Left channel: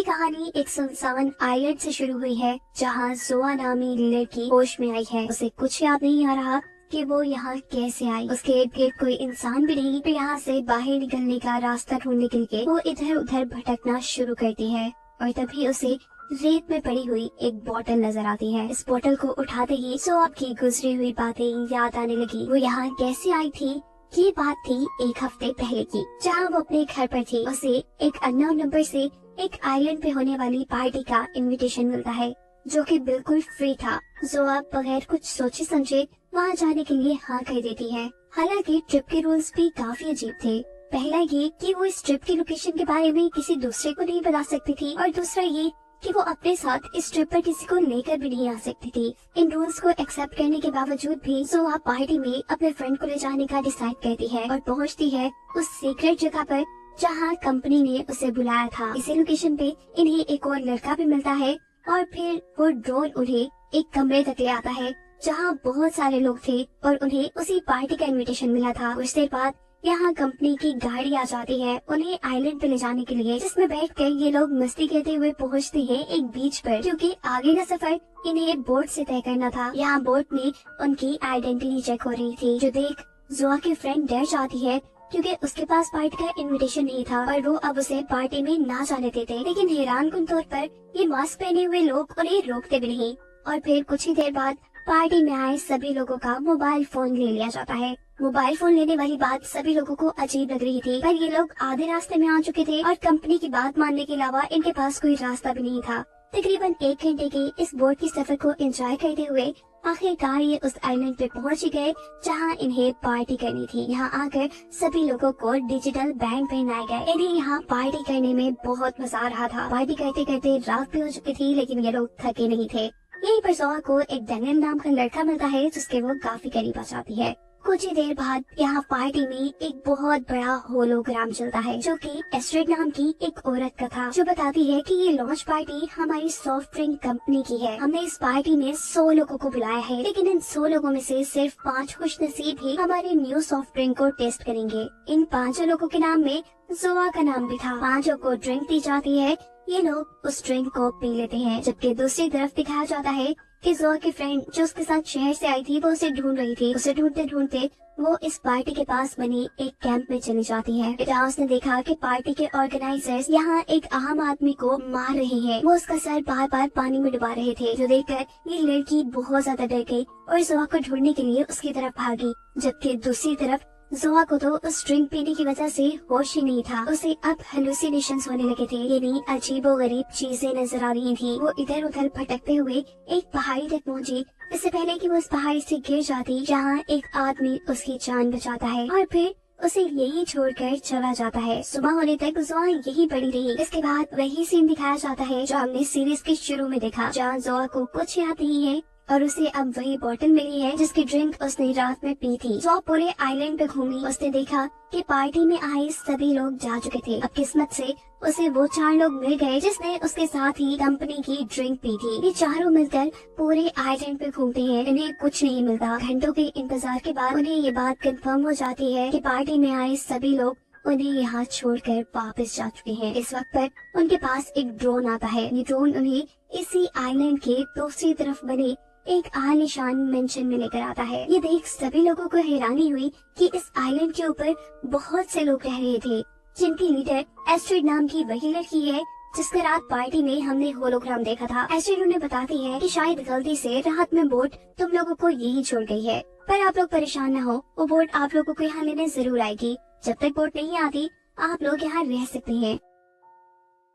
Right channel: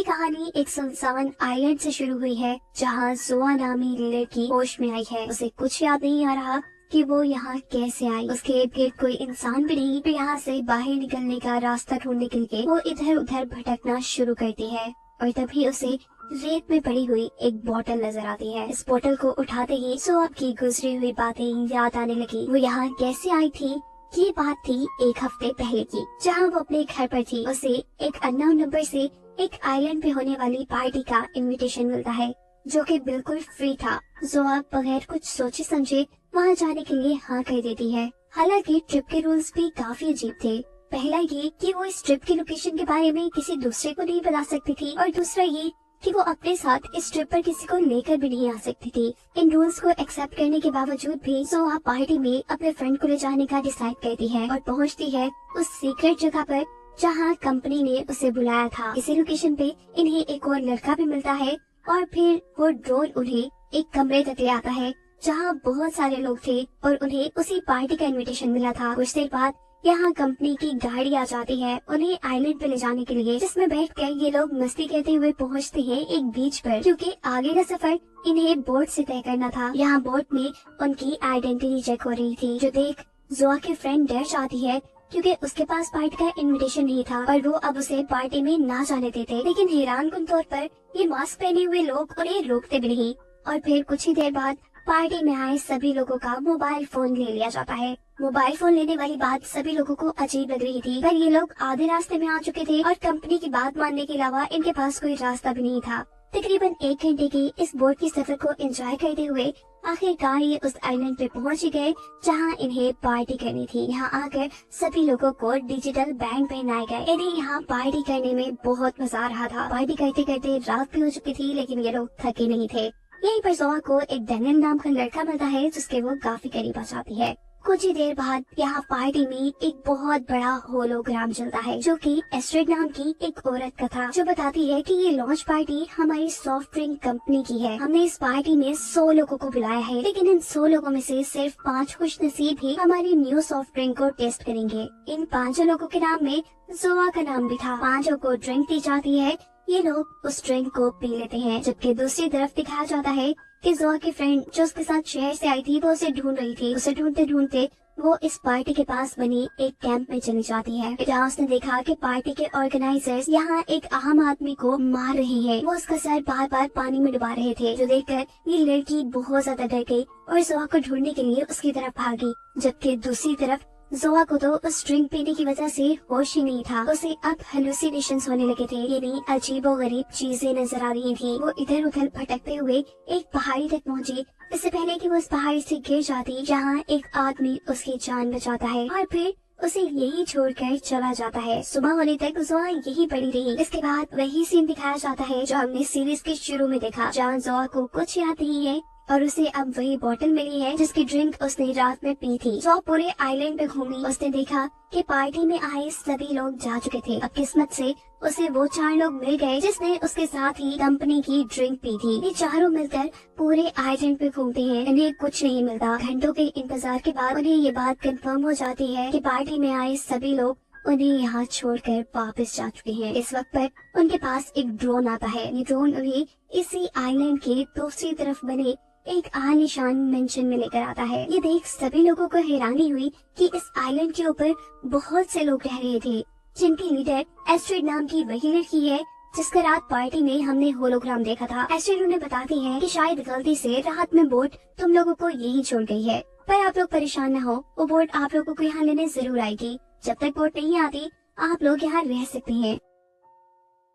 ये कहानी एक सुनसान आइलैंड से शुरू हुई है जहाँ जोआ नामी लड़की होश में आई है। उसे कुछ याद नहीं आ रहा कि वो यहाँ कैसे आई। उसके इर्द गिर्द कोई इंसान भी नहीं। तो यहाँ से बाहर निकलने का रास्ता ढूंढने के लिए वो इधर उधर भटकना शुरू करती है और तभी उसे रेत में पड़ी हुई एक बोतल नजर आती है। इस बोतल को उठाते ही जोआ की गुजरी हुई बातें याद आने लगी। वो यहाँ कैसे आई थी, ये बात थी एक हफ्ते पहले की, जहाँ वो अपने घर पर थी। उसे एक अननोन नंबर से एक आइलैंड पे होने वाली पार्टी का इनविटेशन मिलता है जो कि बिल्कुल फ्री था। जोआ बगैर कुछ सोचे समझे वहाँ जाने के लिए हाँ कह देती है। हालांकि ट्रिप के रूल्स भी काफी अजीब थे। पहला ये कि वो इस ट्रिप की लोकेशन के बारे में किसी दूसरे को नहीं बता सकती थी और दूसरा ये कि वो अपने साथ इस ट्रिप पर किसी को लेकर भी नहीं आ सकती थी। इन रूल्स को एक्सेप्ट करने के बावजूद भी जोआ पार्टी में अपने फ्रेंड को ले जाने का डिसाइड करती है और पहुंचती है उस सीक्रेट जगह पर जहां कंपनी ने उसे बुलाया था। इसी लोकेशन पे इन्हें एक और लड़का भी मिलता है और फिर वो ड्रोन उन्हें एक कमरे तक ले आता है जहां बहुत सारे लोग थे और उन्हें उसी पार्टी का इनविटेशन मिला था। कुछ देर बाद यहाँ कंपनी की गाड़ी आ जाती है उन्हें आइलैंड पे ले जाने के लिए, जिसमें बैठकर ये लोग मस्ती करते हुए पहुँचते हैं एक बीच पर, क्योंकि आगे का सफर इन्हें बोट से तय करना था। यहाँ बोट में उनकी आइडेंटिटी चेक हो रही थी, जो देख जोआ के फ्रेंड डर जाती है क्योंकि उसके पास पार्टी का इनविटेशन नहीं था और वो अब उसे पार्टी में ना जाने देते। लेकिन हैरानकुन तौर पर ये मास्क पहने हुए लोग उन्हें रोकते भी नहीं और फिर कुछ ही देर बाद पार्टी में आए सभी लोगों का मोबाइल फोन ले लिया जाता है। मोबाइल फोन लेने वाली बात सभी लोगों को अजीब लग रही थी, पर ये लोग आधे रास्ते में आ चुके थे और कंपनी की बात मानने के अलावा इनके पास कोई रास्ता भी नहीं था। तकरीबन 1 घंटे के इस बोट की सफर को एंजॉय करते हुए आखिरकार ये उस आइलैंड पे पहुंच गए जहां इन्हें पार्टी करनी थी। यहाँ आकर सभी लोगों को डिजिटल बैंड पहनाए गए। इन्हें यहाँ पार्टी करने में बहुत मजा आ रहा था। पार्टी करते करते रात भी हो चुकी थी लेकिन ये लोग थके नहीं थे। यहीं पर जोआ को एक डैनियल नाम का लड़का मिलता है जिसके वो काफी करीब आ जाती है। कुछ ही देर बाद यहाँ पार्टी में एक बहुत बड़ा होलोग्राम चलता है जो कि एस्ट्रिड नाम की एक औरत का था, जो बताती है कि ये लॉन्च पार्टी हमारी सॉफ्ट ड्रिंक कंपनी की है। हमने इस पार्टी में 100 लोगों को बुलाया है, लेकिन इन 100 लोगों में से सिर्फ 5 खुशनसीब ही हमारी न्यू सॉफ्ट ड्रिंक को टेस्ट करेंगे। इन 5 लोगों के नाम में जोआ का नाम भी था। 5 को ड्रिंक दी जाती है, ये लोग उस ड्रिंक को पी लेते हैं, जबकि दूसरी तरफ दिखाया जाता है कि जोआ की फ्रेंड जो उसके साथ शहर से आई थी वो उसे ढूंढ रही थी। उसे ढूंढते ढूंढते वो इस पार्टी के पास बनी एक कैंप में चली जाती है। जहाँ उसने देखा कि पार्टी के ऑर्गेनाइजर्स यहाँ एक आम आदमी को मार रहे हैं। वो उसका सर बार बार पानी में डुबा रहे थे, जो देखकर ये लड़की बहुत ज्यादा डर गई और जोआ को ढूंढने के लिए उसकी तरफ भागी। जबकि दूसरी तरफ जोआ को तो उस ड्रिंक पीने की वजह से होश ही नहीं था। उसे अब हेलुसिनेशंस होने लगे थे, यानी अजीबोगरीब चीजें नजर आ रही थी। वो इधर उधर भटकते हुए एक पहाड़ी तक पहुंची, इससे पहले कि वो उस पहाड़ी से गिर जाती, जहां एक आदमी उसकी जान बचाता है और फिर उसे यही छोड़कर चला जाता है। सुबह होने तक जोआ यही पड़ी रही। इसके बाद वही सीन दिखाया जाता है जो हमने सीरीज के शुरू में देखा, जहाँ जोआ को कुछ याद नहीं है और उसे अब वही बोतल मिली है जिसकी ड्रिंक उसने रात में पी थी। जो पूरे आइलैंड पे घूमी, उसने देखा कि पार्टी में आए सभी लोग जा चुके थे। अब किस्मत से उसे वो 4 लोग मिल गए जिसने उसके साथ ही कंपनी की ड्रिंक पी थी। ये चारों मिलकर पूरे आइलैंड पे घूमते हैं, इन्हें कुछ नहीं मिलता। घंटों के इंतजार के बाद उन्हें ये बात कंफर्म हो जाती है कि पार्टी में आए सभी लोग उन्हें यहाँ छोड़कर वापस जा चुके हैं। इस वक्त पर उनके पास एक ड्रोन आता है। ये ड्रोन उन्हें इसी आइलैंड के दूसरी तरफ बने एक आलीशान मेंशन में लेकर आता है। ये देख सभी लोगों को हैरानी हुई कि इस आइलैंड के ऊपर बहुत से लोग रह रहे थे, जिनकी लीडर एस्ट्रिड नाम की वही लड़की है जिसका रात पार्टी में हमने होलोग्राम देखा था। एस्ट्रिड उन्हें बताती है कि शायद गलती से रात में बोट तुम लोगों को यही छोड़ गई है, पर आप लोग परेशान न हो, वो बोट आप लोगों को यहाँ लेने जरूर आएगी। जब तक बोट नहीं आती आप लोग यहाँ रह सकते हैं।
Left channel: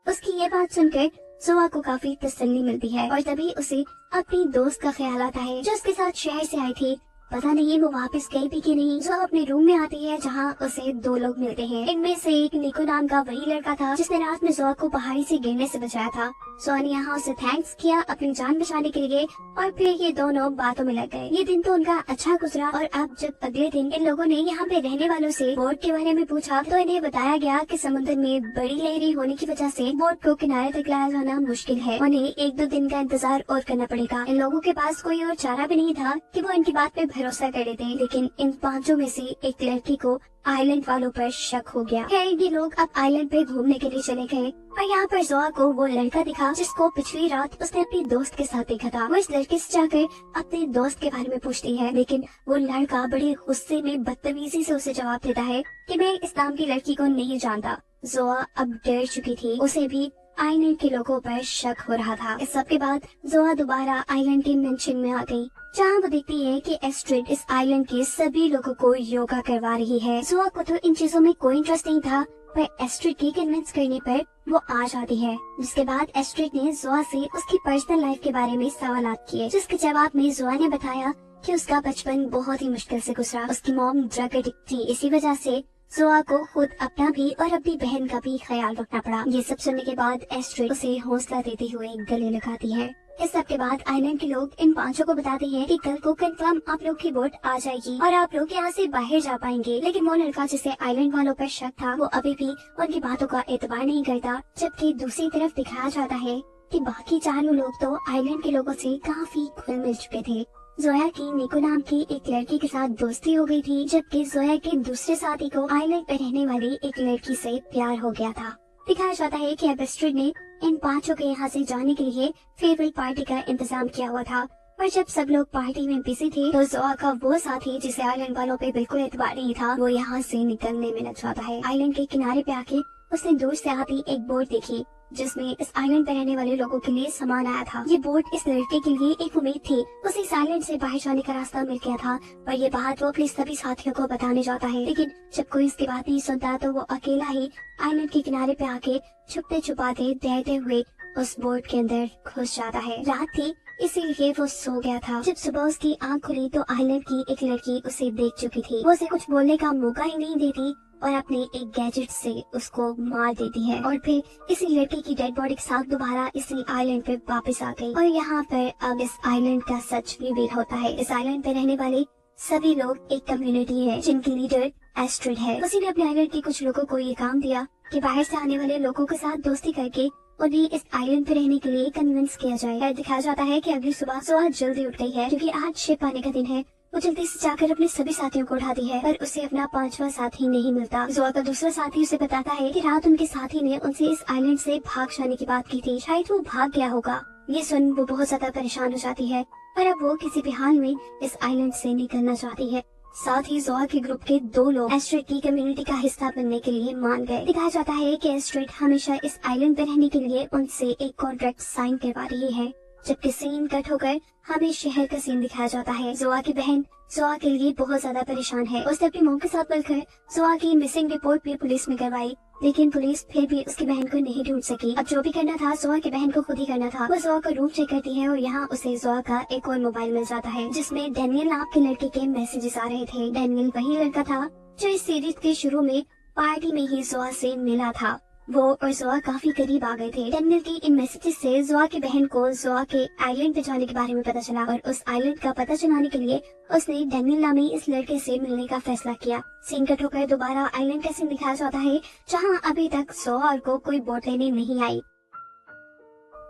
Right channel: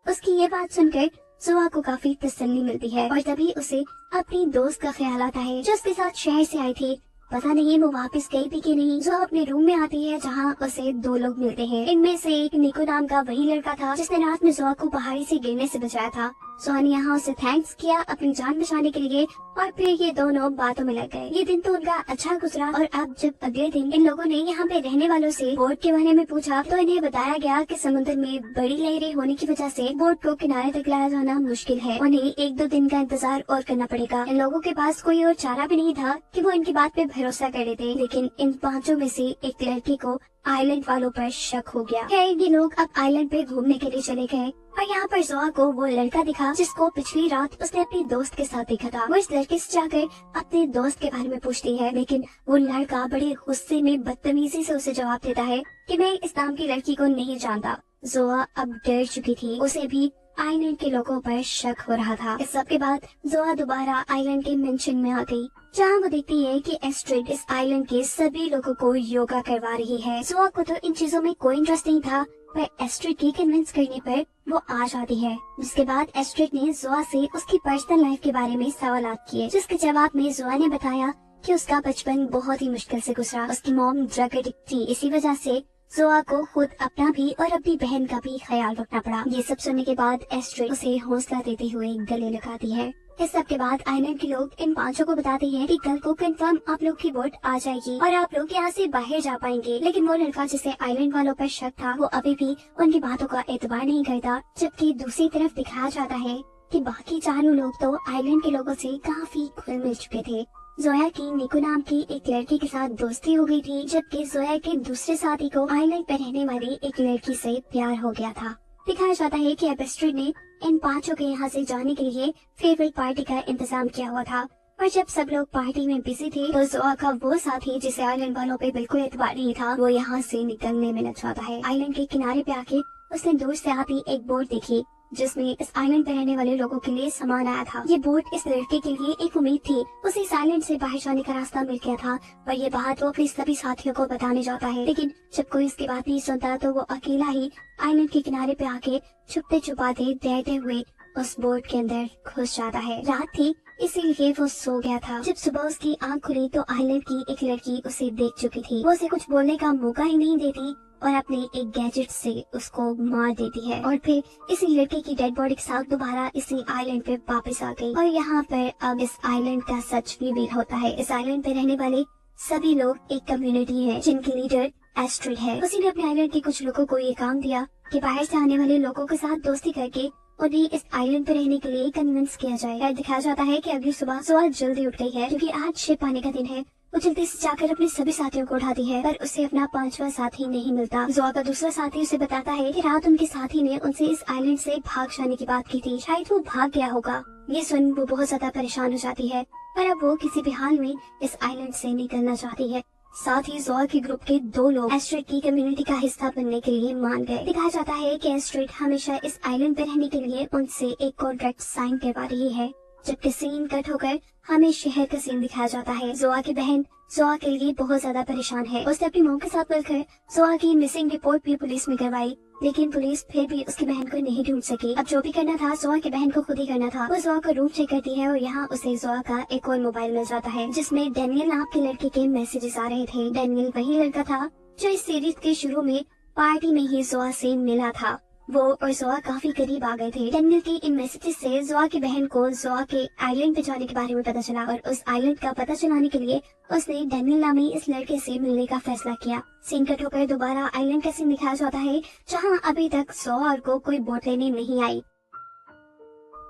उसकी ये बात सुनकर जोआ को काफी तसल्ली मिलती है और तभी उसे अपनी दोस्त का ख्याल आता है जो उसके साथ शहर से आई थी। पता नहीं वो वापस गई थी कि नहीं। जो अपने रूम में आती है जहाँ उसे 2 लोग मिलते हैं। इनमें से एक निको नाम का वही लड़का था जिसने रात में जोआ को पहाड़ी से गिरने से बचाया था। जोआ ने यहाँ उसे थैंक्स किया अपनी जान बचाने के लिए और फिर ये दोनों बातों में लग गए। ये दिन तो उनका अच्छा गुजरा और अब जब अगले दिन इन लोगों ने यहाँ पे रहने वालों से बोट के बारे में पूछा तो इन्हें बताया गया कि समुद्र में बड़ी लहरें होने की वजह से बोट को किनारे तक लाया जाना मुश्किल है। उन्हें 1-2 दिन का इंतजार और करना पड़ेगा। इन लोगों के पास कोई और चारा भी नहीं था कि वो इनकी बात पे भरोसा कर लेते, लेकिन इन पांचों में से एक लड़की को आइलैंड वालों पर शक हो गया। ये लोग अब आइलैंड पे घूमने के लिए चले गए और यहाँ पर जोआ को वो लड़का दिखा जिसको पिछली रात उसने अपनी दोस्त के साथ देखा था। वो इस लड़के से जाकर अपने दोस्त के बारे में पूछती है, लेकिन वो लड़का बड़े गुस्से में बदतमीजी से उसे जवाब देता है कि मैं इस नाम की लड़की को नहीं जानता। जोआ अब डर चुकी थी, उसे भी आइलैंड के लोगों पर शक हो रहा था। इस सब के बाद जोआ दोबारा आइलैंड के मेंशन में आ गई, जहाँ वो देखती है कि एस्ट्रिड इस आइलैंड के सभी लोगों को योगा करवा रही है। जोआ को तो इन चीजों में कोई इंटरेस्ट नहीं था, पर एस्ट्रिड की कन्विंस करने पर वो आ जाती है। जिसके बाद एस्ट्रिड ने जोआ से उसकी पर्सनल लाइफ के बारे में सवालात किए, जिसके जवाब में जोआ ने बताया कि उसका बचपन बहुत ही मुश्किल से गुजरा। उसकी मॉम ड्रग एडिक्ट थी, इसी वजह से जोआ को खुद अपना भी और अपनी बहन का भी ख्याल रखना पड़ा। ये सब सुनने के बाद एस्ट्रिड उसे हौसला देते हुए गले लगाती है। इस सब के बाद आइलैंड के लोग इन पांचों को बताते हैं कि कल को कंफर्म आप लोग की बोट आ जाएगी और आप लोग यहाँ से बाहर जा पाएंगे। लेकिन वो लड़का जिसे आइलैंड वालों पर शक था, वो अभी भी उनकी बातों का एतबार नहीं करता, जबकि दूसरी तरफ दिखाया जाता है कि बाकी चारों लोग तो आइलैंड के लोगों से काफी खुल मिल चुके थे। जोया की निको नाम की एक लड़की के साथ दोस्ती हो गई थी, जबकि जोया के दूसरे साथी को आइलैंड पर रहने वाली एक लड़की से प्यार हो गया था। दिखाया जाता है कि अब एस्ट्रिड ने इन पांचों के यहाँ से जाने के लिए फेवरेट पार्टी का इंतजाम किया हुआ था, पर जब सब लोग पार्टी में बिजी थी तो जोआ का वो साथी जिसे आइलैंड वालों पे बिल्कुल एतबार नहीं था, वो यहाँ से निकलने में लग जाता है। आइलैंड के किनारे पे आके उसने दूर से आती एक बोट देखी जिसमें इस आइलैंड पर रहने वाले लोगों के लिए सामान आया था। ये बोट इस लड़के के लिए एक उम्मीद थी, उसे इस आइलैंड से बाहर जाने का रास्ता मिल गया था, पर ये बात वो अपने सभी साथियों को बताने जाता है। लेकिन जब कोई इसकी बात नहीं सुनता तो वो अकेला ही आइलैंड के किनारे पे आके छुपते छुपाते तैरते हुए उस बोट के अंदर घुस जाता है। रात थी, इसीलिए वो सो गया था। जब सुबह उसकी आंख खुली तो आइलैंड की एक लड़की उसे देख चुकी थी। वो उसे कुछ बोलने का मौका ही नहीं देती और अपने एक गैजेट से उसको मार देती है और फिर इसी लड़के की डेड बॉडी के साथ दोबारा इसी आइलैंड पे वापस आ गई। और यहाँ पर अब इस आइलैंड का सच रिवील होता है। इस आइलैंड पे रहने वाले सभी लोग एक कम्युनिटी है जिनकी लीडर एस्ट्रिड है। उसी ने अपने आइलैंड के कुछ लोगों को ये काम दिया कि बाहर से आने वाले लोगों के साथ दोस्ती करके उन्हें इस आइलैंड पे रहने के लिए कन्विंस किया जाए। दिखाया जाता है कि अगली सुबह जोआ जल्दी उठ गई है क्योंकि आज शिप आने का दिन है। वो जल्दी से जाकर अपने सभी साथियों को उठाती है, पर उसे अपना पांचवा साथी नहीं मिलता। जोआ का दूसरा साथी उसे बताता है कि रात उनके साथी ने उनसे इस आइलैंड से भाग जाने की बात की थी, शायद वो भाग गया होगा। ये सुन वो बहुत ज्यादा परेशान हो जाती है, पर अब वो किसी भी हाल में इस आइलैंड से निकलना चाहती है। साथ ही जोआ के ग्रुप के दो लोग एस्ट्रिड की कम्युनिटी का हिस्सा बनने के लिए मान गए। दिखाया जाता है कि एस्ट्रिड हमेशा इस आइलैंड पे रहने के लिए उनसे एक कॉन्ट्रैक्ट साइन करवा रही है। जबकि सीन कट होकर हमें शहर का सीन दिखाया जाता है। जोआ की बहन जोआ के लिए बहुत ज्यादा परेशान है। उसने अपनी मॉम के साथ मिलकर जोआ की मिसिंग रिपोर्ट भी पुलिस में करवाई, लेकिन पुलिस फिर भी उसकी बहन को नहीं ढूंढ सकी। अब जो भी करना था जोआ की बहन को खुद ही करना था। वो जोआ का रूम चेक करती है और यहाँ उसे जोआ का एक और मोबाइल मिल जाता है जिसमें डेनियल नाम के लड़के के मैसेजेस आ रहे थे। डेनियल वही लड़का था जो इस सीरीज के शुरू में पार्टी में ही जोआ से मिला था। वो और जोआ काफी करीब आ गए थे। डेनियल की इन मैसेजेस से जोआ की बहन को जोआ के आइलैंड पे जाने के बारे में पता चला और उस आइलैंड का पता चलाने के लिए उसने डेनियल नामी इस लड़के से मिलने का फैसला किया। सीन कट होकर दोबारा आइलैंड का सीन दिखाया जाता है जहाँ अभी तक जोआ को कोई बोट लेने नहीं आई,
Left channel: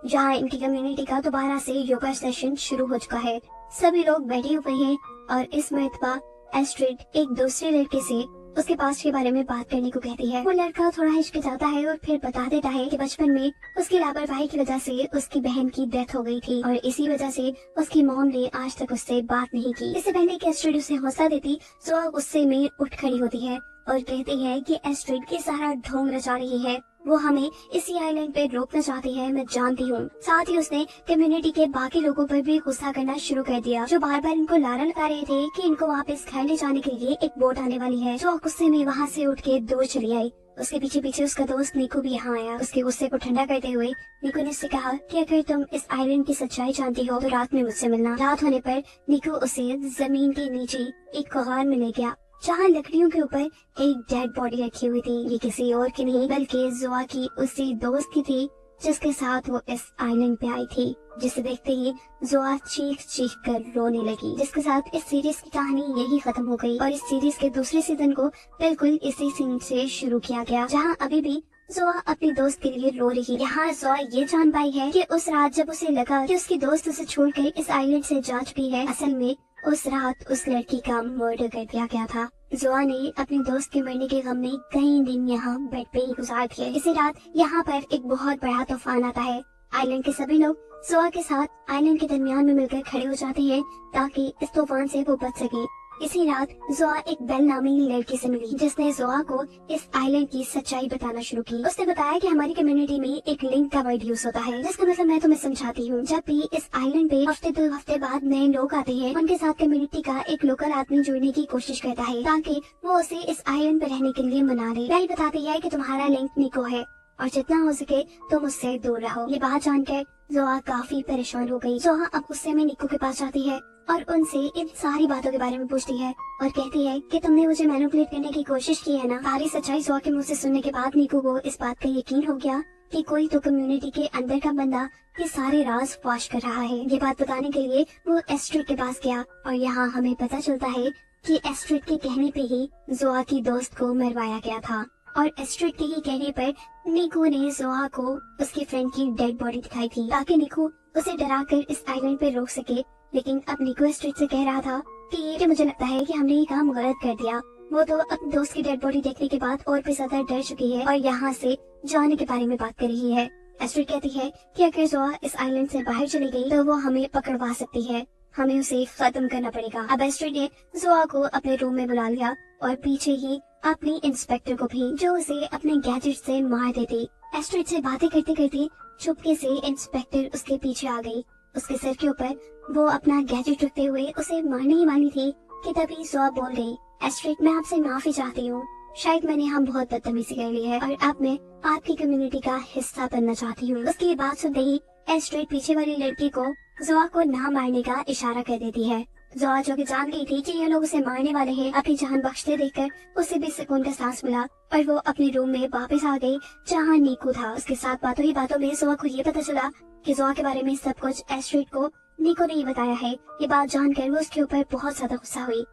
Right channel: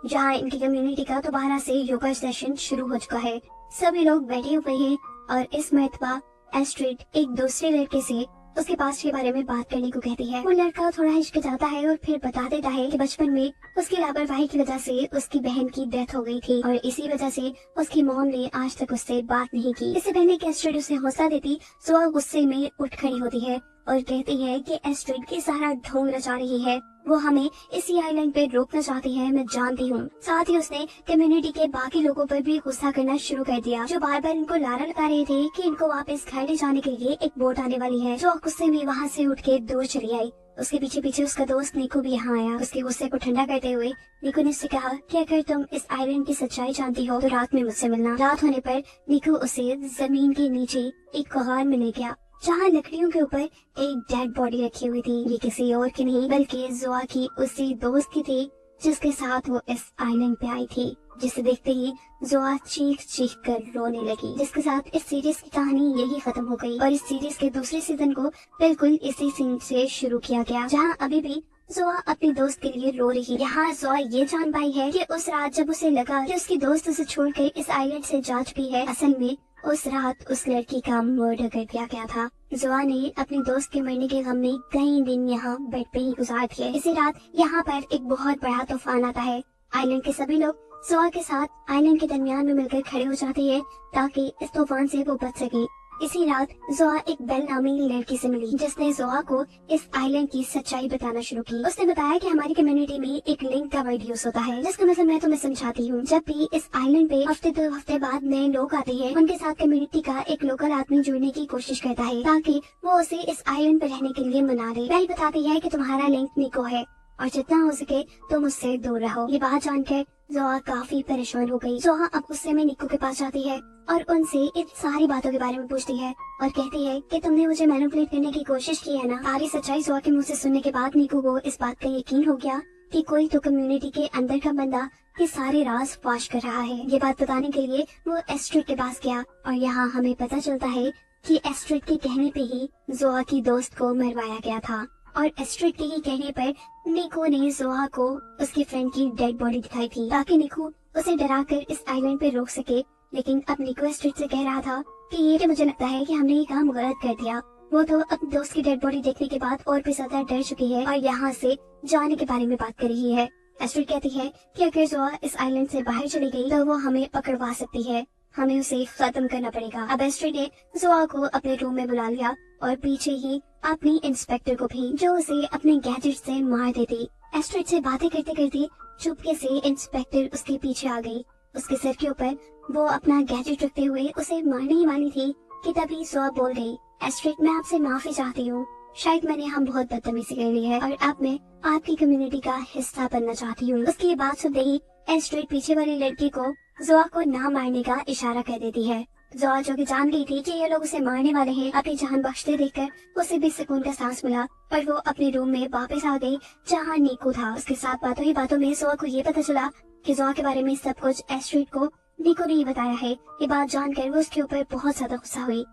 जहाँ इनकी कम्युनिटी का दोबारा से योगा सेशन शुरू हो चुका है। सभी लोग बैठे हुए हैं और इस मरतबा एस्ट्रिड एक दूसरे लड़के से उसके पास के बारे में बात करने को कहती है। वो लड़का थोड़ा हिचकिचाता है और फिर बता देता है कि बचपन में उसकी लापरवाही की वजह से उसकी बहन की डेथ हो गई थी और इसी वजह से उसकी मॉम ने आज तक उससे बात नहीं की। इससे पहले कि एस्ट्रिड उसे हौसला देती, जोआ गुस्से में उठ खड़ी होती है और कहती है कि एस्ट्रिड के सारा ढोंग रचा रही है, वो हमें इसी आइलैंड पे रोकना चाहती है, मैं जानती हूँ। साथ ही उसने कम्युनिटी के बाकी लोगों पर भी गुस्सा करना शुरू कर दिया जो बार बार इनको लारा लगा रहे थे कि इनको वापस घर ले जाने के लिए एक बोट आने वाली है। जो गुस्से में वहाँ से उठ के दूर चली आई। उसके पीछे पीछे उसका दोस्त निको भी यहाँ आया। उसके गुस्से को ठंडा करते हुए निको ने उससे कहा कि अगर तुम इस आइलैंड की सच्चाई जानती हो तो रात में मुझसे मिलना। रात होने पर निको उसे जमीन के नीचे एक गुहार में ले गया जहाँ लकड़ियों के ऊपर एक डेड बॉडी रखी हुई थी। ये किसी और की नहीं बल्कि जोआ की उसी दोस्त की थी जिसके साथ वो इस आइलैंड पे आई थी। जिसे देखते ही जोआ चीख चीख कर रोने लगी। जिसके साथ इस सीरीज की कहानी यही खत्म हो गई और इस सीरीज के दूसरे सीजन को बिल्कुल इसी सीन से शुरू किया गया जहाँ अभी भी जोआ अपनी दोस्त के लिए रो रही है। यहाँ जोआ ये जान पाई है कि उस रात जब उसे लगा कि उसकी दोस्त उसे छोड़कर इस आइलैंड से जा चुकी है, असल में उस रात उस लड़की का मर्डर कर दिया गया था। जोआ ने अपने दोस्त के मरने के गम में कई दिन यहाँ बेड पे ही गुजार दिए। इसी रात यहाँ पर एक बहुत बड़ा तूफान आता है। आइलैंड के सभी लोग जोआ के साथ आइलैंड के दरमियान में मिलकर खड़े हो जाते हैं ताकि इस तूफान से वो बच सके। इसी रात जोआ एक बेल नामी लड़की से मिली जिसने जोआ को इस आइलैंड की सच्चाई बताना शुरू की। उसने बताया कि हमारी कम्युनिटी में एक लिंक का वर्ड यूज होता है, जिसका मतलब मैं तुम्हें समझाती हूँ। जब भी इस आइलैंड पे हफ्ते 2 हफ्ते बाद नए लोग आते हैं, उनके साथ कम्युनिटी का एक लोकल आदमी जुड़ने की कोशिश करता है ताकि वो उसे इस आइलैंड पे रहने के लिए मना ले। बेल बताती है कि तुम्हारा लिंक निको है और जितना हो सके तुम उससे दूर रहो। ये बात जानकर जोआ काफी परेशान हो गई। जोआ अब गुस्से में निको के पास जाती है और उनसे इन सारी बातों के बारे में पूछती है और कहती है कि तुमने मुझे मैनिपुलेट करने की कोशिश की है ना। सारी सच्चाई जोआ के मुंह से सुनने के बाद निको को इस बात का यकीन हो गया कि कोई तो कम्युनिटी के अंदर का बंदा ये सारे राज फाश कर रहा है। ये बात बताने के लिए वो एस्ट्रिड के पास गया और यहाँ हमें पता चलता है कि एस्ट्रिड के कहने पे ही जोआ की दोस्त को मरवाया गया था और एस्ट्रिड के ही कहने पर निको ने जोआ को उसकी फ्रेंड की डेड बॉडी दिखाई थी ताकि निको उसे डराकर इस आइलैंड पे रोक सके। लेकिन अब निको एस्ट्रिड से कह रहा था कि ये मुझे लगता है कि हमने ये काम गलत कर दिया। वो तो अपने दोस्त की डेड बॉडी देखने के बाद और भी ज्यादा डर चुकी है और यहाँ से जाने के बारे में बात कर रही है। एस्ट्रिड कहती है कि अगर जोआ इस आइलैंड से बाहर चली गई तो वो हमें पकड़वा सकती है, हमें उसे खत्म करना पड़ेगा। अब एस्ट्रिड ने जोआ को अपने रूम में बुला लिया और पीछे ही अपनी इंस्पेक्टर को भी, जो उसे अपने गैजेट से मार देती। एस्ट्रिड से बातें करते करते चुपके से इंस्पेक्टर उसके पीछे आ गई। उसके सिर के ऊपर वो अपना गैजेट रखते हुए उसे मारने ही वाली थी कि तभी जोआ बोल गई, एस्ट्रिड मैं आपसे माफी चाहती हूँ, शायद मैंने हम बहुत बदतमीजी कर ली है और अब मैं आपकी कम्युनिटी का हिस्सा बनना चाहती हूँ। उसकी ये बात सुनते ही एस्ट्रिड पीछे वाली लड़की को जोआ को ना मारने का इशारा कर देती है। जोआ जो कि जान गई थी कि ये लोग उसे मारने वाले हैं, अपनी जान बख्शते देखकर उसे भी सुकून का सांस मिला और वो अपने रूम में वापस आ गई जहाँ निको था। उसके साथ बातों ही बातों में जोआ को ये पता चला कि जोआ के बारे में सब कुछ एस्ट्रिड को निको ने ही बताया है। ये बात जानकर वो उसके ऊपर बहुत ज्यादा गुस्सा हुई।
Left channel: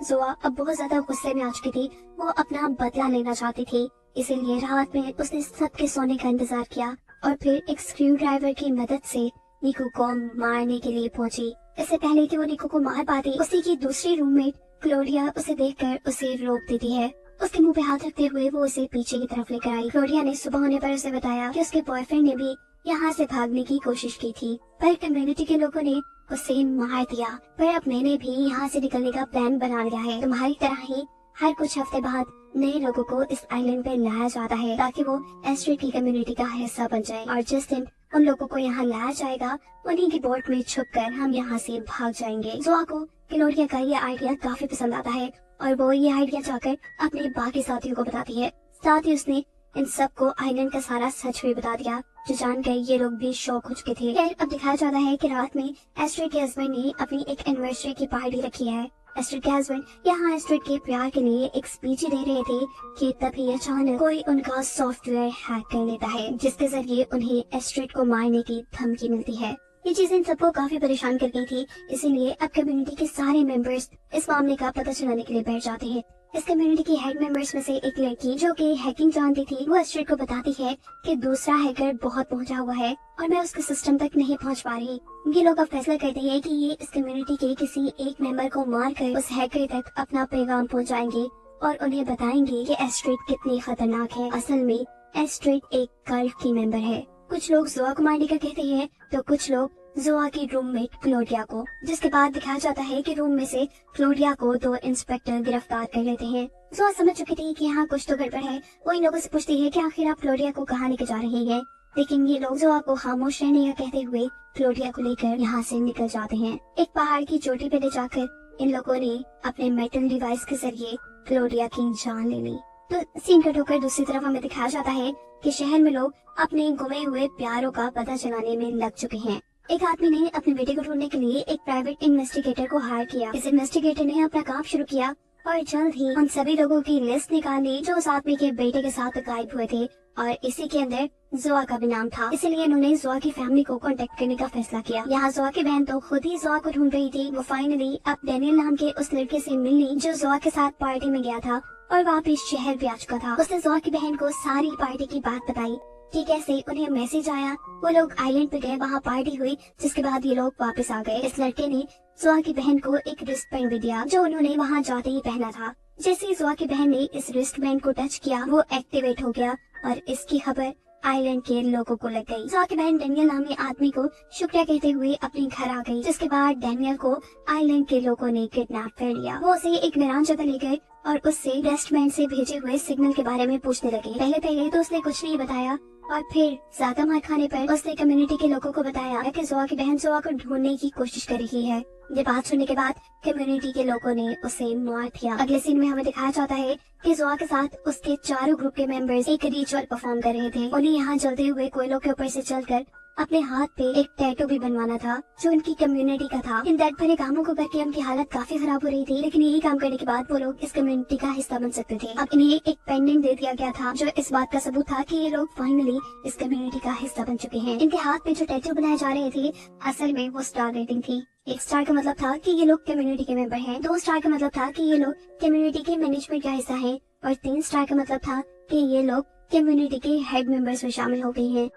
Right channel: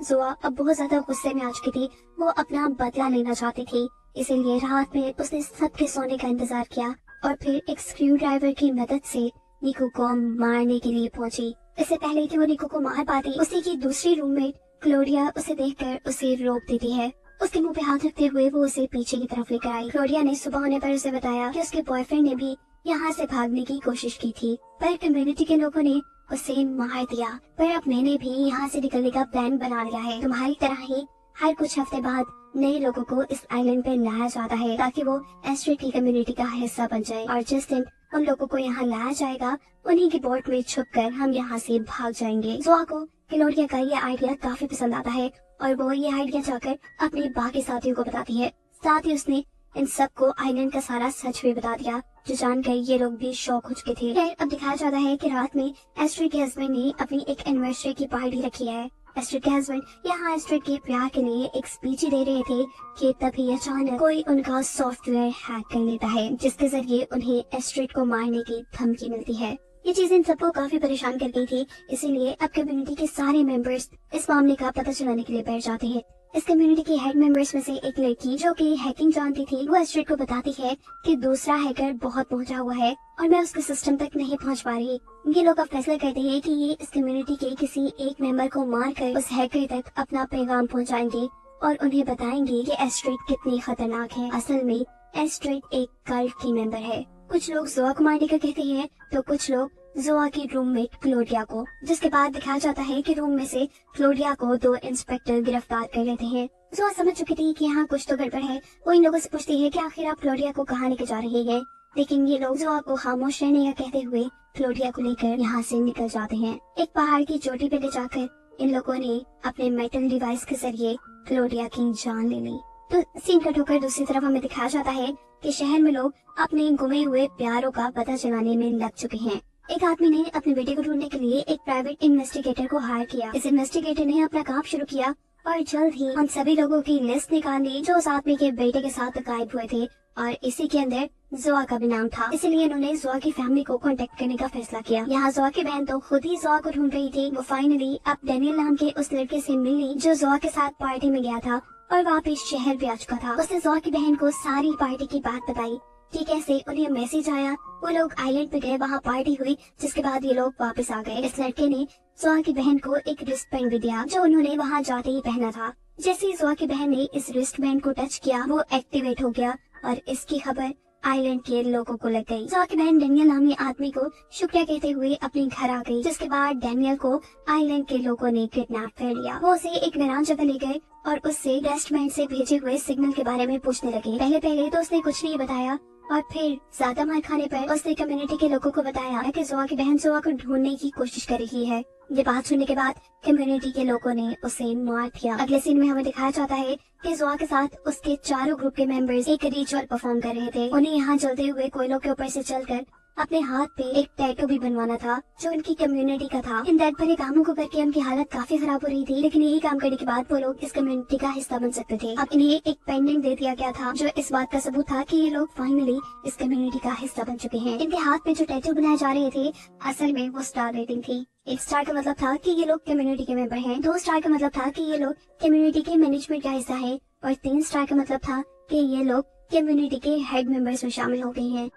जोआ अब बहुत ज्यादा गुस्से में आ चुकी थी, वो अपना बदला लेना चाहती थी, इसीलिए रात में उसने सबके सोने का इंतजार किया और फिर एक स्क्रू ड्राइवर की मदद से निको को मारने के लिए पहुंची। इससे पहले कि वो निको को मार पाती, उसी की दूसरी रूममेट क्लोडिया उसे देखकर उसे रोक देती है। उसके मुंह पे हाथ रखते हुए वो उसे पीछे की तरफ लेकर आई। क्लोडिया ने सुबह होने पर उसे बताया कि उसके बॉयफ्रेंड ने भी यहाँ से भागने की कोशिश की थी, पर कम्युनिटी के लोगों ने उसे मार दिया। पर अब मैंने भी यहाँ से निकलने का प्लान बना लिया है। तुम्हारी तरह ही हर कुछ हफ्ते बाद नए लोगों को इस आइलैंड पे लाया जाता है ताकि वो एस्ट्रिड की कम्युनिटी का हिस्सा बन जाए और जिस दिन हम लोगों को यहाँ लाया जाएगा उन्हीं की बोट में छुपकर हम यहाँ से भाग जाएंगे। जोआ को क्लोडिया का ये आइडिया काफी पसंद आता है और वो ये आइडिया जाकर अपने बाकी साथियों को बताती है। साथ ही उसने इन सबको आइलैंड का सारा सच भी बता दिया, जो जानकर ये लोग भी शौक हो चुके थे। फिर अब दिखाया जाता है कि रात में एस्ट्रिड के हस्बैंड ने अपनी एक एनिवर्सरी की पार्टी रखी है। एस्ट्रिड के हस्बैंड यहाँ एस्ट्रिड के प्यार के लिए एक स्पीच दे रहे थे कि तभी अचानक कोई उनका सॉफ्टवेयर हैक कर लेता है, जिसके जरिए उन्हें एस्ट्रिड को मारने की धमकी मिलती है। ये चीज इन सबको काफी परेशान कर गई थी, इसीलिए अब कम्युनिटी के सारे मेंबर्स इस मामले का पता चलाने के लिए बैठ जाते हैं। इस कम्युनिटी के हेड मेंबर्स में से एक लड़की जो कि हैकिंग जानती थी, वो एस्ट्रिड को बताती है कि दूसरा हैकर बहुत पहुंचा हुआ है और मैं उसके सिस्टम तक नहीं पहुंच पा रही। ये लोग अब फैसला करते हैं कि ये इस कम्युनिटी के किसी एक मेंबर को मारकर उस हैकर तक अपना पैगाम पहुंचाएंगे और उन्हें बताएंगे कि एस्ट्रिड कितनी खतरनाक है। असल में एस्ट्रिड एक कल्ट की मेंबर है। कुछ लोग जोआ को मारने का कहते हैं तो कुछ लोग जोआ की रूममेट क्लोडिया को, जिसके बाद दिखाया जाता है कि रूम में से क्लोडिया को 2 इंस्पेक्टर गिरफ्तार कर लेते हैं। जोआ समझ चुकी थी कि यहाँ कुछ तो गड़बड़ है। वो इन लोगों से पूछती है कि आखिर आप क्लोडिया को कहाँ लेकर जा रही हैं, लेकिन ये लोग जोआ को खामोश रहने का कहते हुए क्लोडिया को लेकर यहाँ से निकल जाते हैं। एक पहाड़ की चोटी पे ले जाकर इन लोगों ने अपने मेटल डिवाइस के जरिए क्लोडिया की जान ले ली। तो सीन कट होकर दूसरी तरफ हमें दिखाया जाता है कि शहर में लोग अपने गुमे हुए प्यारों का पता चलाने में लग चुके हैं। एक आदमी ने अपने बेटे को ढूंढने के लिए एक प्राइवेट इन्वेस्टिगेटर को हायर किया। इस इन्वेस्टिगेटर ने अपना काम शुरू किया और जल्द ही उन सभी लोगों की लिस्ट निकाली जो उस आदमी के बेटे के साथ गायब हुए थे और इसी के अंदर जोआ का भी नाम था। इसलिए इन्होंने जोआ की फैमिली को कांटेक्ट करने का फैसला किया। यहाँ जोआ की बहन तो खुद ही जोआ को ढूंढ रही थी। वो फाइनली अब डेनियल नाम के उस लड़के से मिली जो जोआ के साथ पार्टी में गया था और वापिस शहर भी आ चुका था। उसने जोआ की बहन को सारी पार्टी की बात बताई। कि कैसे उन्हें मैसेज आया। वो लोग आइलैंड पे गए, वहाँ पार्टी हुई, जिसके बाद ये लोग वापस आ गए। इस लड़के ने जोआ की बहन को एक रिस्ट बैंड भी दिया जो उन्होंने वहाँ जाते ही पहना था। जैसे ही जोआ की बहन ने इस रिस्ट बैंड को टच किया वो एक्टिवेट हो गया और इसकी खबर आइलैंड के लोगों को लग गई। जोआ की बहन डेनियल नामी आदमी को शुक्रिया कहते हुए अपने घर आ गई, जिसके बाद डेनियल को आइलैंड के लोगों ने किडनैप कर लिया। वो उसे एक वीरान जगह ले गए और उससे रेस्टमैन से भेजे हुए सिग्नल के बारे में पूछने लगे। पहले पहले तो उसने कुछ नहीं बताया और फिर ज्यादा मार खाने पर उसने कम्युनिटी के लोगों को बताया कि जोआ की बहन जोआ को ढूंढने की कोशिश कर रही है। ये बात सुनने के बाद कम्युनिटी के लोगों ने उसे मार दिया। अगले सीन में हमें दिखाया जाता है कि जोआ के साथ उसके चारों ग्रुप के मेंबर्स एक रिचुअल परफॉर्म कर रहे थे। उन्हें यहाँ जलते हुए कोयलों के ऊपर से चलकर अपने हाथ पे एक टैटू भी बनवाना था जो उनकी कम्युनिटी का था। इन दर्द भरे कामों को करके उनकी हालत काफी खराब हो रही थी, लेकिन यही काम करने के बाद वो लोग इस कम्युनिटी का हिस्सा बन सकते थे। अब इन्हें एक पेंडेंट दे दिया गया था जो इस बात का सबूत था कि ये लोग फाइनली इस कम्युनिटी का हिस्सा बन चुके हैं। इनके हाथ पे जो टैटू बनाए जा रहे थे असल में वो स्टार रेटिंग थी। एक स्टार का मतलब था कि ये लोग कम्युनिटी के मेंबर हैं, 2 स्टार का मतलब था कि ये लोग कम्युनिटी की मैनेजमेंट का हिस्सा है और 3 स्टार का मतलब था कि ये लोग कम्युनिटी के हेड मेंबर्स में शामिल हो गए हैं।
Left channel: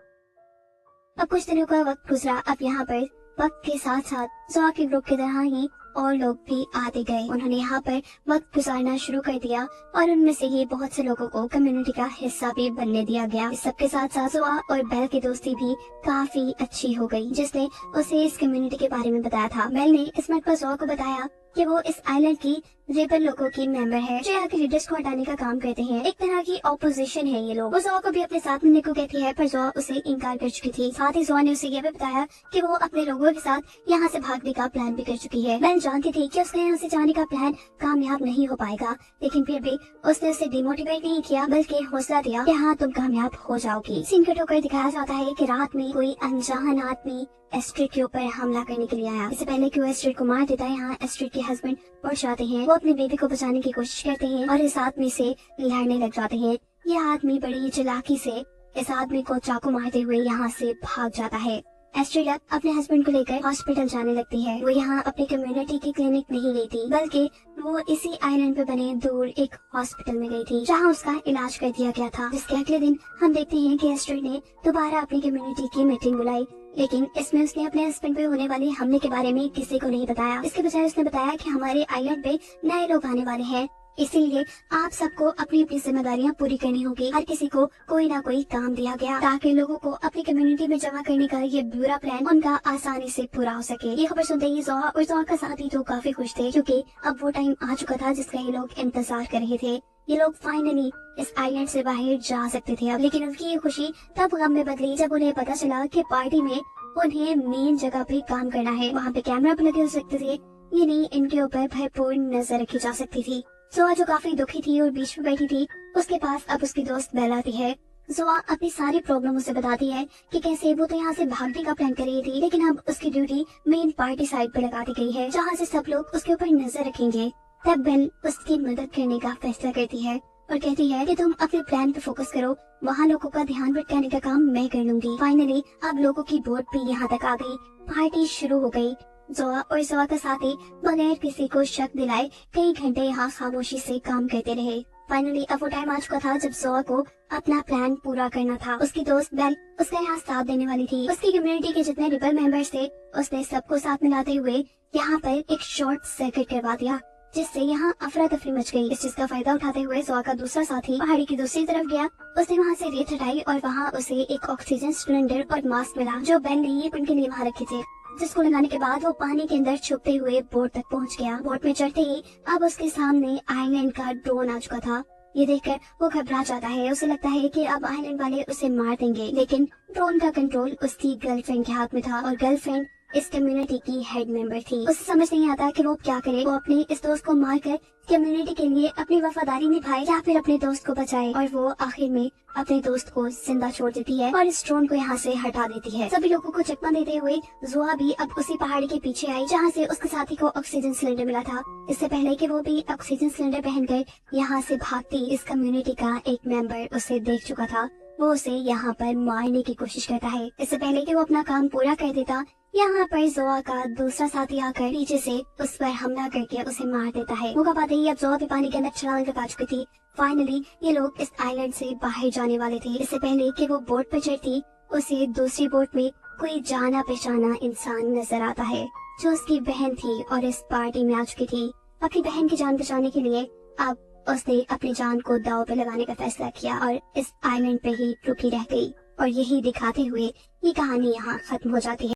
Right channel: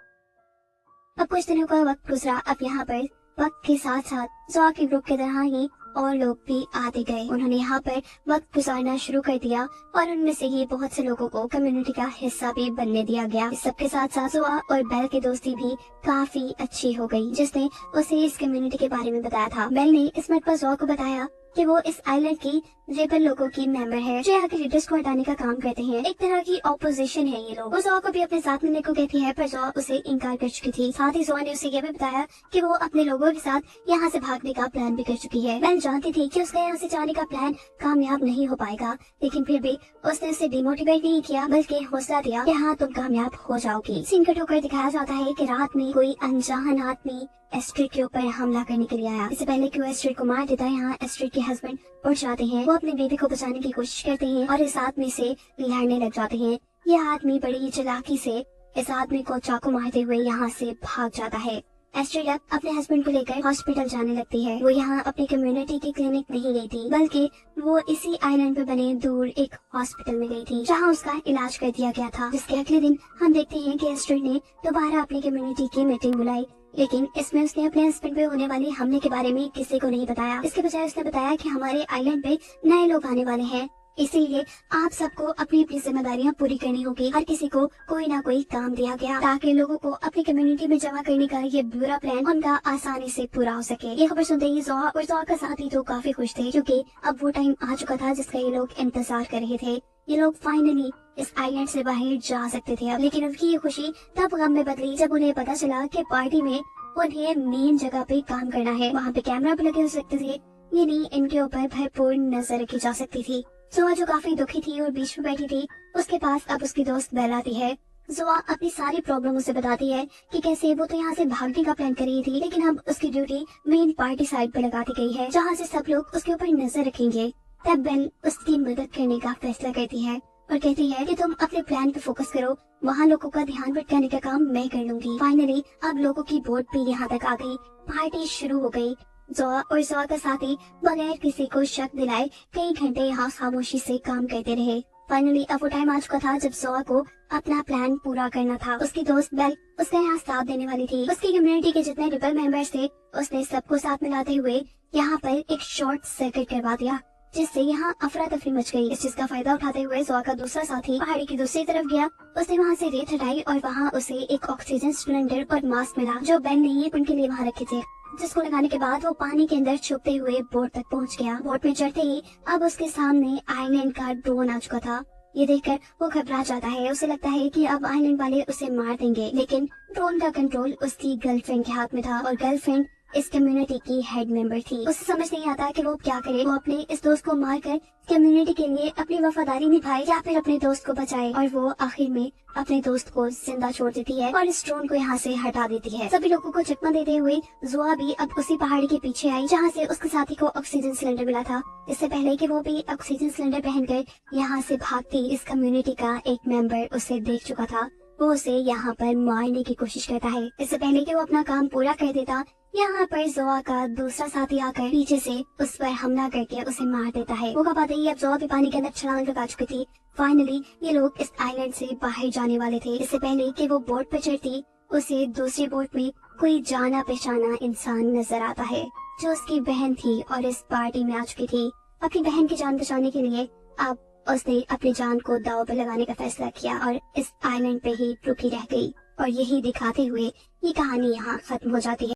अब कुछ दिनों का वक्त गुजरा। अब यहाँ पर वक्त के साथ साथ जोआ के ग्रुप की तरह ही और लोग भी आते गए। उन्होंने यहाँ पर वक्त गुजारना शुरू कर दिया और उनमें से ही बहुत से लोगों को कम्युनिटी का हिस्सा भी बनने दिया गया। इस सबके साथ साथ जोआ और बेल की दोस्ती भी काफी अच्छी हो गई, जिसने उसे इस कम्युनिटी के बारे में बताया था। बेल ने इस बात पर जोआ को बताया कि वो इस आइलैंड की रेबल लोगों की मेंबर है जो यहाँ के लीडर्स को हटाने का काम करते हैं। एक तरह की ऑपोजिशन है ये लोग। वो जोआ को भी अपने साथ मिलने को कहती है पर जोआ उसे इनकार कर चुकी थी। साथ ही जोआ ने उसे यह भी बताया कि वो अपने लोगों के साथ यहाँ से भागने का प्लान भी कर चुकी है। बेल जानती थी कि उसके यहाँ से जाने का प्लान कामयाब नहीं हो पाएगा, लेकिन फिर भी उसने उसे डिमोटिवेट नहीं किया बल्कि हौसला दिया कि हाँ तुम कामयाब हो जाओगी। सीन कट होकर दिखाया जाता है कि रात में कोई अनजान आदमी एस्ट्रिड के ऊपर हमला करने के लिए आया। इससे पहले कि वो एस्ट्रिड को मार देता है, यहाँ एस्ट्रिड के हस्बैंड उठ जाते हैं। वो अपने बेबी को बचाने की कोशिश करते हैं और इस आदमी से लड़ने लग जाते हैं। यह आदमी बड़ी चालाकी से इस आदमी को चाकू मारते हुए यहाँ से भाग जाता है। एस्ट्रिड अपने हस्बैंड को लेकर हॉस्पिटल जाने लगती है। वो यहाँ अपनी कम्युनिटी की क्लिनिक नहीं गई थी बल्कि वो इसी आइलैंड पे बने दूर एक हॉस्पिटल में गई थी जहाँ उसका इलाज कर दिया गया था। जिसके अगले दिन हम देखते हैं कि एस्ट्रिड ने दोबारा अपनी कम्युनिटी की मीटिंग बुलाई, लेकिन इसमें उसने अपने हस्बैंड पे होने वाले हमले के बारे में किसी को नहीं बताया। इसके बजाय उसने बताया कि हमारे आइलैंड पे नए लोग आने वाले हैं, इसीलिए आप सबको अपनी अपनी जिम्मेदारियां पूरी करनी होगी। हर किसी को कोई ना कोई काम दिया गया ताकि लोगों को अपनी कम्युनिटी में जमा करने का ये बुरा प्लान उनका आसानी से पूरा हो सके। ये खबर सुनते ही जोआ और जोआ का साथी तो काफी खुश थे क्योंकि अब वो टाइम आ चुका था जिसका ये लोग इंतजार कर रहे थे। ये लोग फाइनली इस आइलैंड से बाहर जा सकते थे अब। लेकिन उनकी ये खुशी तब गम में बदली जब उन्हें पता चला कि पार्टी में उन्हें मेन जगह पे काम करना है। वहाँ पे कैमरा भी लगे हो सकते थे, यानी इनके ऊपर भरपूर नजर रखी जा सकती थी। जोआ जो काफी दुखी थी और बीच में बैठी थी, उसके पास अब उसकी दोस्त बेल आती है। जोआ अपनी सारी प्रॉब्लम उसे बताती है कि कैसे वो तो यहाँ से भागने का प्लान कर रही थी, लेकिन अब उसकी ड्यूटी मेन पार्टी साइड पे लगा दी गई है जहाँ से सब लोग उसके ऊपर नजर रखेंगे। तब बेल उसकी मदद करने का फैसला करती है और कहती है कि तुम अपने प्लान पे फोकस करो, वहाँ लोगों का ध्यान भटकाने का काम मैं कर लूंगी। फाइनली अब लोगों की बोट भी यहाँ तक आ गई, पार्टी शुरू हो गई। जोआ और जोआ का साथी बगैर किसी को शक दिलाए कई घंटे यहाँ खामोशी से काम करते रहे। फाइनली अब वो टाइम आ चुका था जब जोआ को अपना प्लान पूरा करना था। उसकी दोस्त बेल उसका यहाँ साथ देने वाली थी। उसकी कम्युनिटी के जितने रिबल मेंबर्स थे उसने सबको साथ मिलाते हुए यहाँ पर एक शॉर्ट सर्किट करवा दिया, जिससे यहाँ अफरा तफरी मच गई। इस चीज का फायदा उठाते हुए जोआ का दूसरा साथी पहाड़ी की दूसरी तरफ गया। उसने वहाँ से रेत हटाई और वहाँ उसे एक ऑक्सीजन सिलेंडर और मास्क मिला जो बेल ने ये उनके लिए वहाँ रखे थे, जिसको लगाने के बाद वो पानी के अंदर छुपते हुए बोट तक पहुँच गया। बोट में चढ़ते ही अब उसके सामने आइलैंड का ड्रोन आ चुका था। ये देखकर वो घबरा जाता है, उसे लगता है कि अब आइलैंड वाले उसे मार देंगे, लेकिन ड्रोन का कंट्रोल उसकी गर्लफ्रेंड के हाथ में था और गर्लफ्रेंड इस कम्युनिटी की हेड मेंबर थी। उसे समझ नहीं आता कि वो क्या करे। वो अपने इस दोस्त को मारकर कम्युनिटी के लिए अपनी वफादारी निभाए या फिर अपने दोस्त को बचाए, और वो आखिर में अपने दोस्त को जिंदा छोड़ देती है और इस ड्रोन को यहाँ से हटा देती है। सभी लोगों को चकमा देते हुए जोआ भी अब उसी पहाड़ी के पीछे आई जहाँ से उसके साथी को ऑक्सीजन सिलेंडर मिला था। इससे पहले कि वो भी ऑक्सीजन सिलेंडर पहनकर यहाँ से भागती, इस कम्युनिटी का एक मेंबर उसे देख चुका था। वो उसे यहाँ पर मारने की कोशिश करता है। इससे पहले कि वो अपना काम पूरा कर देता, यहाँ पर जोआ का दूसरा साथी आकर पीछे से उस पर हमला करके उसे मार देता है। वो पाते ही अब जोआ भी पानी के अंदर छलांग लगा चुकी थी। फाइनली ये लोग इस आइलैंड से बाहर जाने वाले थे। इससे पहले कि वो बोट पर चढ़ती, उसे दूसरी बोट में कोई जाना पहचाना इंसान नजर आता है जो उसकी बहन थी और इस पार्टी में आ चुकी थी। अपनी बहन की जान बचाने के लिए अब उसने अपनी जान को दांव पे लगाने का फैसला किया और इस आइलैंड पे ही रुकी रह गई। और यही दिखाते हुए ये कहानी यहाँ खत्म हो जाती है।